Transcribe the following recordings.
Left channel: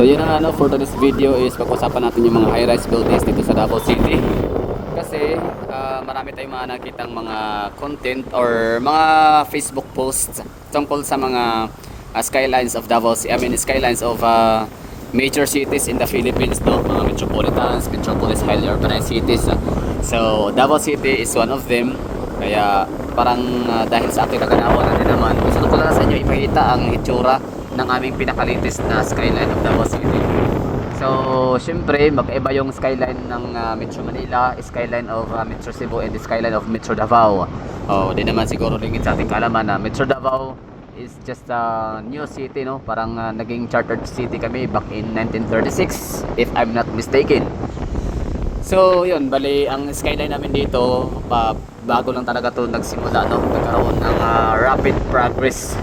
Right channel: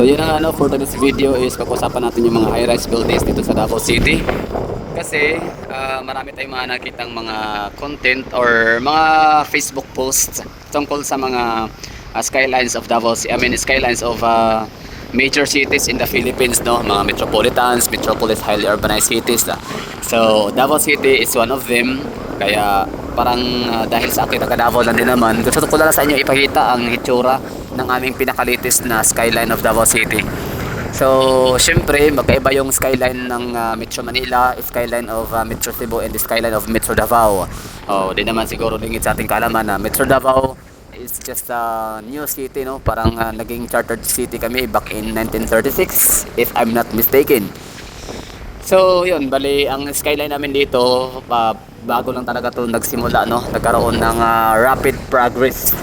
So yun ang ano, for today's video is pag-usapan natin yung mga high-rise buildings dito sa Davao City. Kasi marami tayong mga nakitang mga content or mga Facebook posts tungkol sa mga skylines of Davao City. I mean skylines of major cities in the Philippines, no? Mga metropolitans, metropolis, highly urbanized cities. So Davao City is one of them. Kaya parang dahil sa akin taga Davao lang din naman, gusto ko lang sa inyo ipakita ang itsura ng aming pinaka-latest na skyline of Davao City. So, syempre, magkaiba yung skyline ng Metro Manila, skyline of Metro Cebu, and the skyline of Metro Davao. Oh, di naman siguro lingid sa ating kaalaman na Metro Davao is just a new city, no? Parang naging chartered city kami back in 1936, if I'm not mistaken. So, yun, bali, ang skyline namin dito, bago lang talaga to nagsimula, no? Nagkaroon ng rapid progress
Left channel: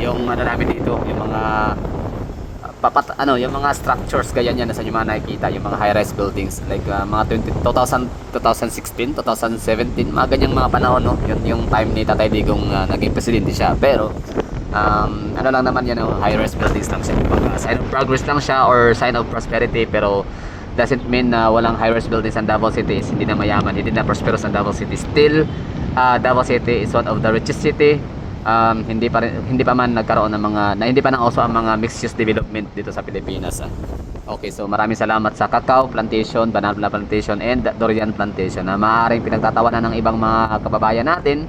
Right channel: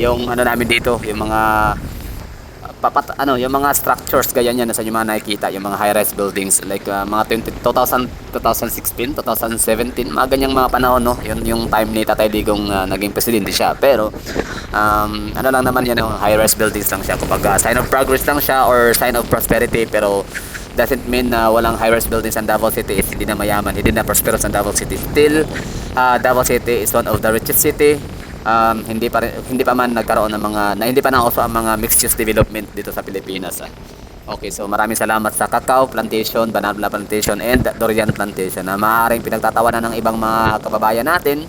yung ano namin dito, yung mga yung mga structures gaya niyan na sa inyo mga nakikita, yung mga high-rise buildings like mga 2016, 2017, mga ganyang mga panahon, no? Yun yung time ni Tatay Digong naging presidente siya. Pero ano lang naman yan, no? High-rise buildings lang siya. Kumbaga, sign of progress lang siya or sign of prosperity, pero doesn't mean na walang high-rise buildings sa Davao City is hindi na mayaman, hindi na prosperous ang Davao City. Still, Davao City is one of the richest city. Hindi pa man nagkaroon ng mga hindi pa nauso ang mga mixed use development dito sa Pilipinas. Okay, so maraming salamat sa cacao plantation, banana plantation, and durian plantation na maaaring pinagtatawanan ng ibang mga kababayan natin,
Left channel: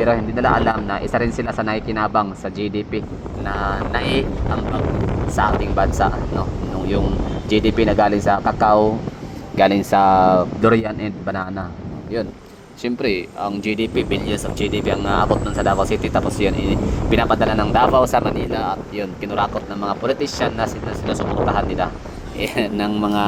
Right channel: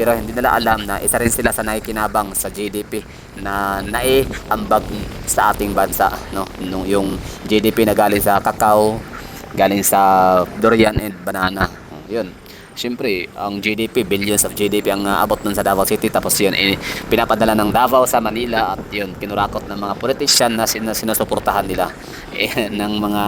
pero hindi nila alam na isa rin sila sa nakikinabang sa GDP na naiambag sa ating bansa, no? Yung GDP na galing sa cacao, galing sa durian and banana. Yun. Siyempre, ang GDP, billions of GDP ang abot nun sa Davao City. Tapos yun, pinapadala ng Davao sa Manila. At yun, kinurakot ng mga politician na sinusuportahan nila ng mga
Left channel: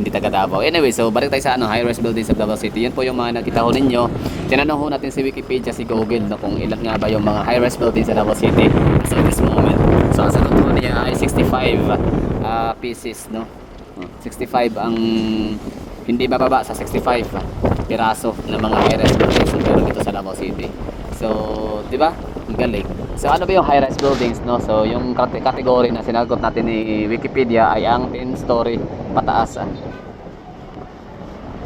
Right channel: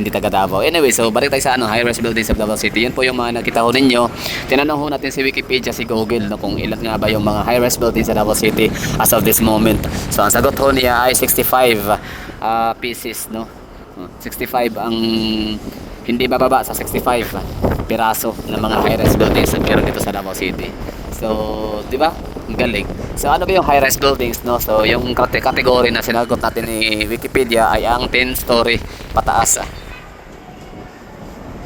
hindi taga Davao. Anyway, so balik tayo sa high-rise buildings of Davao City. Yan po yung mga nakita ho ninyo. Tinanong ho natin si Wikipedia, si Google, no, kung ilan nga ba yung mga high-rise buildings sa Davao City as of this moment. So ang sagot ho niya ay 65 pieces, no? 65 ang hindi bababa sa 65 piraso ng mga high-rise buildings pero dito sa Davao City. So, di ba? Ang galing. So, ano ba yung high-rise buildings, no? So, yung category na sinagot natin ni Wikipedia ay ang 10-story pataas.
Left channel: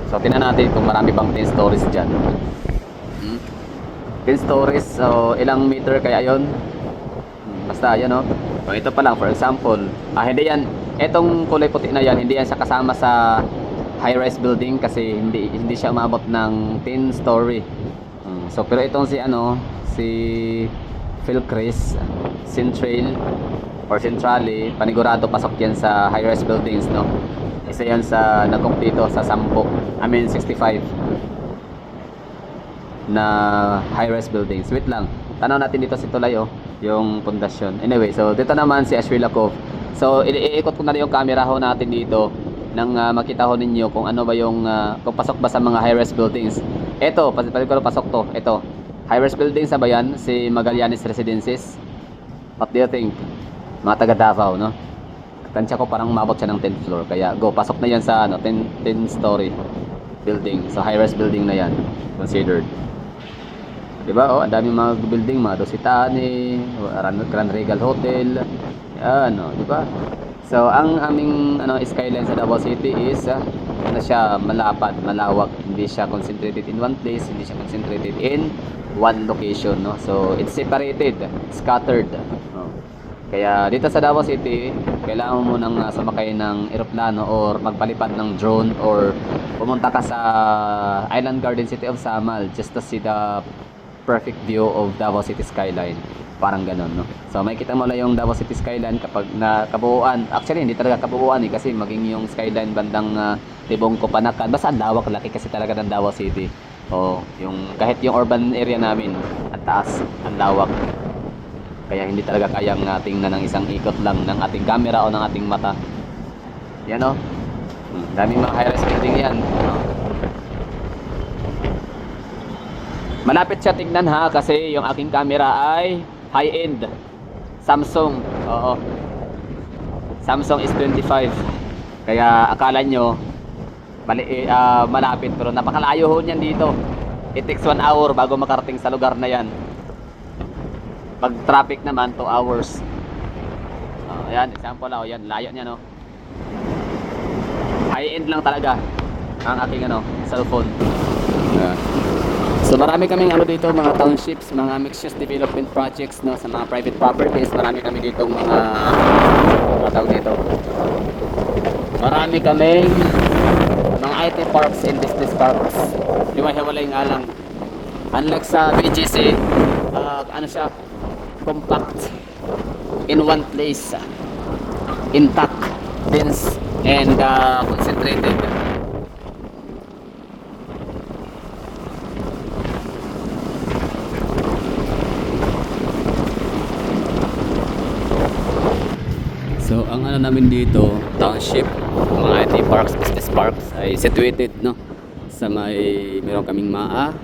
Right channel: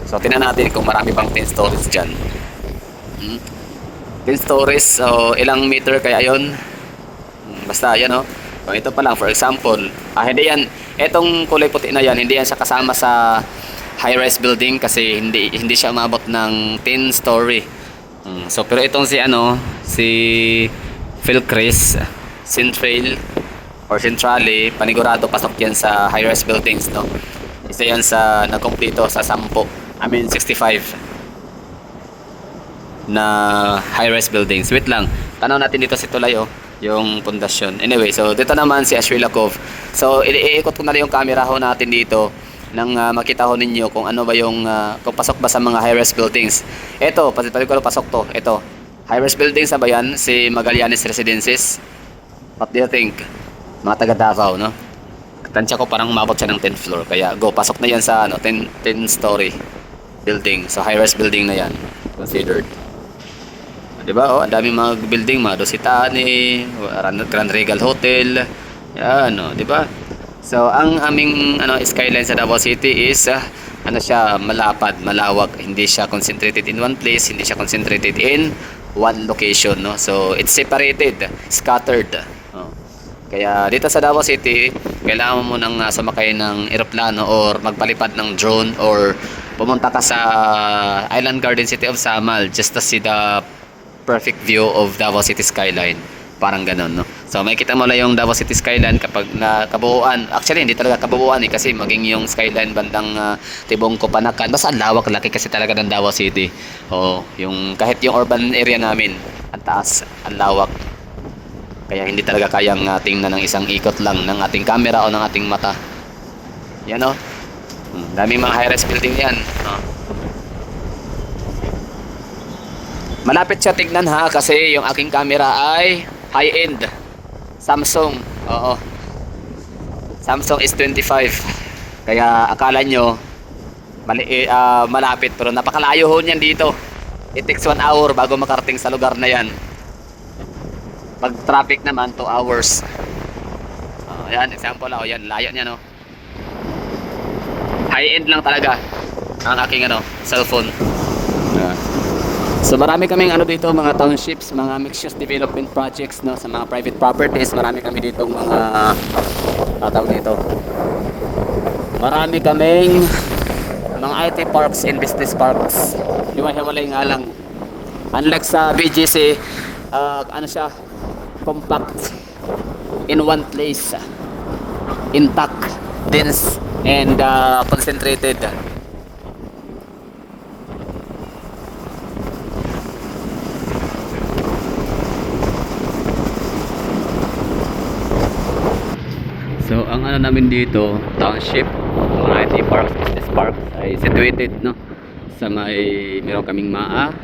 So, tingnan natin kung marami pang 10 stories dyan. 10 stories, so ilang meter kaya yun? Basta, yan, no? So, ito pa lang, for example, hindi yan, etong kulay puti na yan, hindi yan sa kasama sa high-rise building kasi hindi siya umabot ng 10 story. So pero itong si Philcris Central or Centrale, panigurado pasok yan sa high-rise buildings, no? Kasi yan sa nakumpleto sa 65 na high-rise buildings. Wait lang, tanaw natin dito si Tulay, yung pundasyon. Anyway, so dito naman si Ashwila Cove. So iikot ko na lang yung camera ho natin dito nang makita ho ninyo kung ano ba yung kung pasok ba sa mga high-rise buildings. Ito, ko pasok to. Ito, high-rise buildings na ba yan? Si Magallanes Residences. What do you think? Mga taga Davao, no? Tansya ko parang umabot siya ng 10th floor. Kaya go, pasok na yan sa 10 story building. So high-rise building na yan considered. Diba? Oh, ang daming mga building, mga Dositani, Grand Regal Hotel. Yan, diba? So, ang aming skyline sa Davao City is siya, malapad, malawak. Hindi siya concentrated in one place, hindi siya concentrated in one location, no? So, it's separated, scattered. Kaya dito sa Davao City, kailangan mo nang sumakay ng eroplano or magpalipad ng drone or pumunta ka sa Island Garden City of Samal just to see the perfect view of Davao City skyline. Parang ganon, no? So makikita mo lang yung Davao City skyline kapag nakabuuan. Actually hindi talaga kabuuan kasi maging yung skyline bandang Tibong Kopanakan. Basta ang lawak, laki kasi talaga ng Davao City. Yung kahit yung urban area namin, ang taas, ang lawak. Kaya hindi talaga kayang tingnan ng isang ikot lang ng ating camera o ng ating mata. Yan, no? Daming mga high-rise building yan. Malapit siya tignan kasi yung aking camera ay high-end Samsung. Oo. Samsung S25. Kaya akala nyo malapit pero napakalayo ho niyan dito. It takes 1 hour bago makarating sa lugar na yan. Pag traffic naman 2 hours. Ayan, example yan, layo niya, no? high-end lang talaga ang aking cellphone. So marami kaming dito, mga townships, mga mixed-use development projects sa mga private properties. Marami kami dito tawag dito. Marami kaming mga IT parks and business parks. Hiwa-hiwalay nga lang. Unlike sa BGC, siya, compact in one place, intact, dense, and concentrated. So ang namin dito, township, mga IT parks, business parks ay situated sa meron kaming MAA,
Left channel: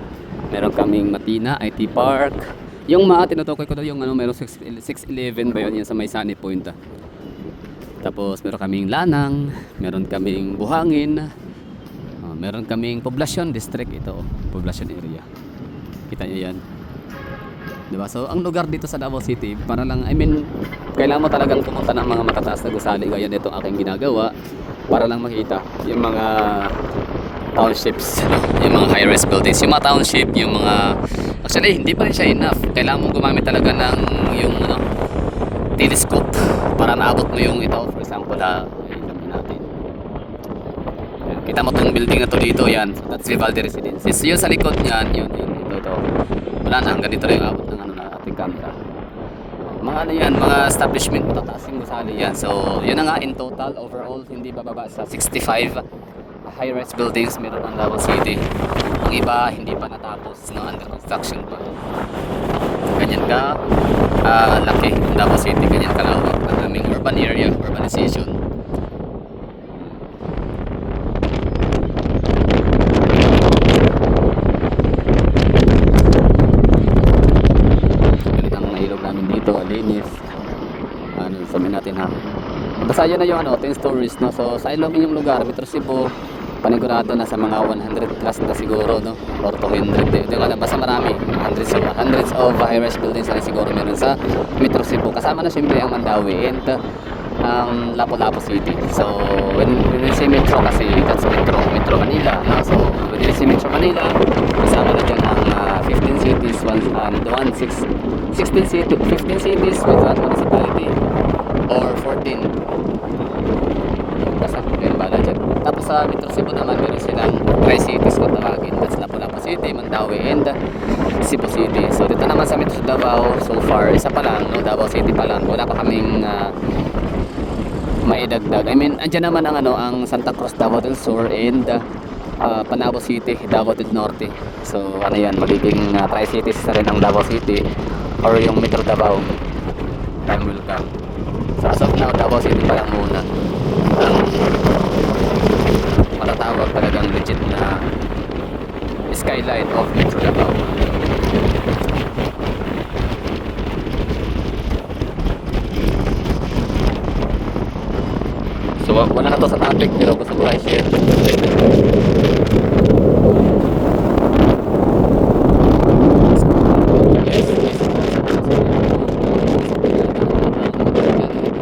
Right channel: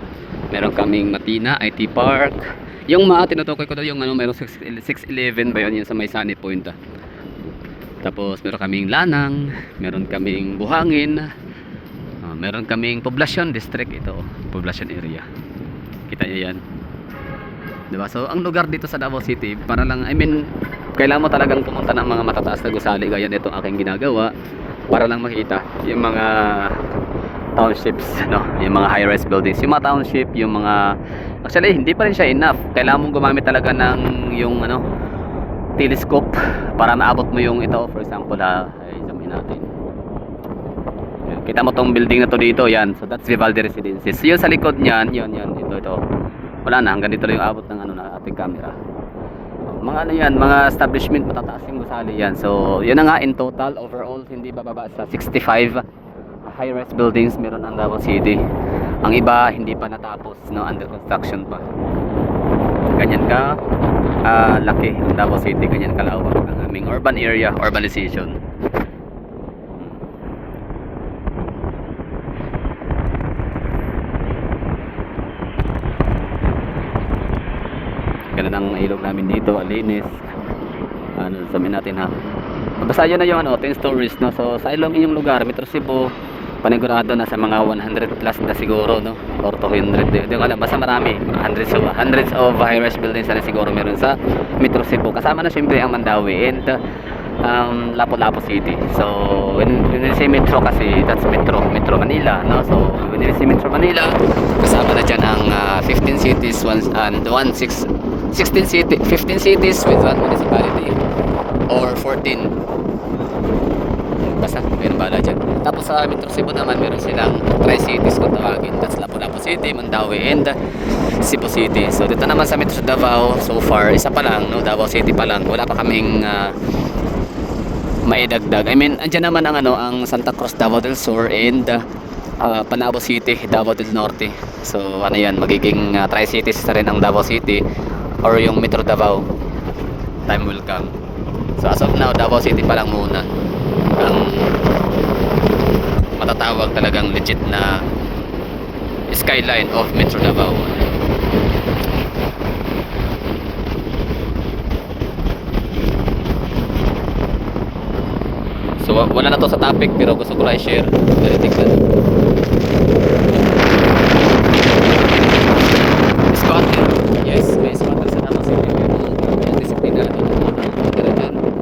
meron kaming Matina IT Park. Yung MAA tinutukoy ko daw yung meron 611 ba yun sa may Sunny Point. Tapos meron kaming Lanang, meron kaming Buhangin, meron kaming Poblacion District, ito Poblacion area. Kita niyo yan. Diba? So ang lugar dito sa Davao City, para lang, kailangan mo talagang pumunta ng mga matataas na gusali, gaya nito aking ginagawa, para lang makita yung mga townships, yung mga high-rise buildings, yung mga township, yung mga, actually hindi pa rin siya enough. Kailangan mong gumamit talaga ng yung telescope para maabot mo yung ito. For example, sabihin natin, yan, kita mo tong building na to dito, yan, so that's Vivaldi Residences. Yun sa likod niyan, yun, ito. Wala na, hanggang dito na yung abot ng na ating camera. Mga yan, mga establishment, matataas yung gusali yan. So, yun na nga, in total, overall, hindi bababa sa 65 high-rise buildings meron ang Davao City. Ang iba, hindi pa natapos, under construction pa. Ganyan ka, laki ang Davao City, ganyan kalawak ang aming urban area, urbanization. Ilog namin dito, linis. Sabihin natin ha. Basta yun na yung 10 stories, So sa ilong yung lugar, Metro Cebu, panigurado na sa mga 100 plus na siguro, or 200. Basta marami, hundreds of high-rise buildings na siguro meron sa Metro Cebu. Kasama na siyempre ang Mandawi and Lapu-Lapu City. So when you say Metro, kasi that's Metro Manila, So when you say Metro Manila, kasama na dyan ang 15 cities and 15 cities with one municipality or 14. Basta mayroon bala dyan. Tapos sa Metro Cebu naman, meron silang tri-cities kung tawagin. That's Lapu-Lapu City, Mandawi, and Cebu City. So dito naman sa Metro Davao, so far, isa pa lang, Davao City pa lang. Wala pa kaming maidagdag. Andyan naman ang Santa Cruz, Davao del Sur, and Panabo City, Davao del Norte. So yan, magiging tri-cities na rin ang Davao City or yung Metro Davao. Time will come. So as of now, Davao City pa lang muna ang matatawag talagang legit na skyline of Metro Davao. So wala na to sa topic, pero gusto ko lang i-share. Squatter. Yes, may squatter sa Davao City.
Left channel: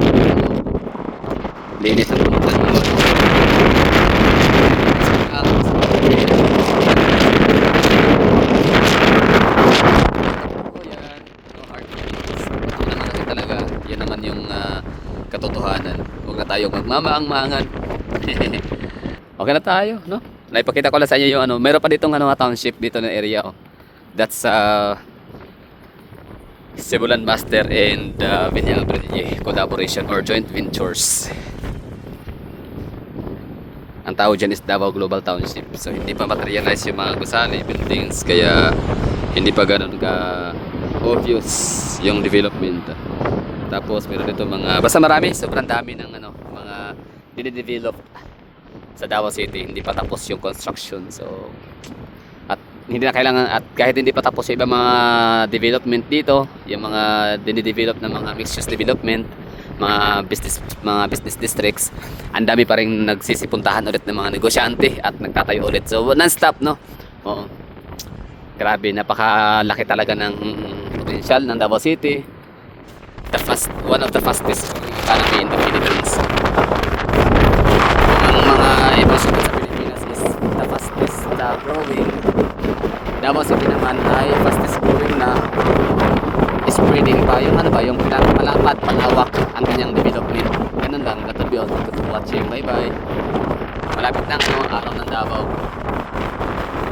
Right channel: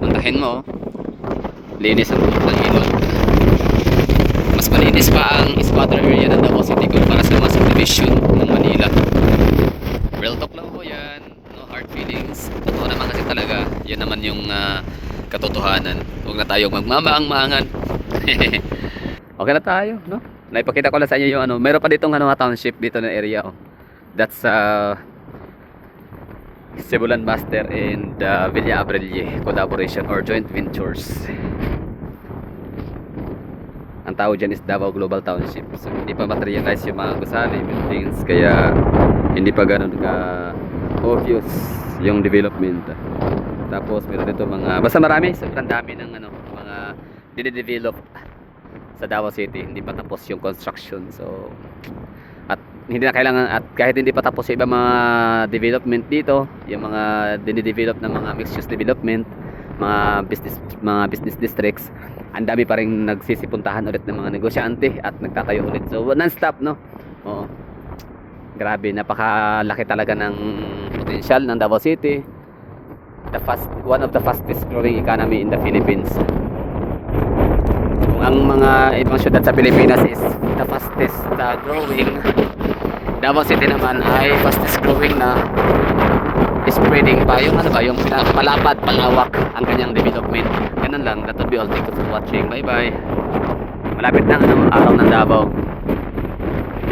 Tutukin mo, linis ang tulog ng ilog. Mas malinis pa ang squatter area na Davao City para sa mga subdivision. Real talk lang po yan. No hard feelings. Totoo naman kasi talaga. Yan naman yung katotohanan. Huwag na tayong magmamaang-maangan. Okay na tayo, Naipakita ko lang sa inyo yung meron pa ditong township dito na area, That's Cebulan Master and Villa Abrele collaboration or joint ventures. Ang tawag dyan is Davao Global Township. So hindi pa materialize yung mga gusali, buildings, kaya hindi pa ganun ka obvious yung development. Tapos meron dito basta marami, sobrang dami ng mga dinidevelop sa Davao City. Hindi pa tapos yung construction. So at hindi na kailangan, at kahit hindi pa tapos sa ibang mga development dito, yung mga dinidevelop na mga mixed use development, mga business districts, ang dami pa rin nagsisipuntahan ulit ng mga negosyante at nagtatayo ulit. So non-stop, Oo. Grabe, napakalaki talaga ng potential ng Davao City. One of the fastest growing economy in the Philippines. Ang mga syudad sa Pilipinas is the fastest growing. Davao City naman ay fastest growing na spreading pa yung ano ba, yung malapad, malawak ang kanyang development. Ganun lang. That will be all. Thank you for watching. Bye bye. Malapit na ang araw ng Davao.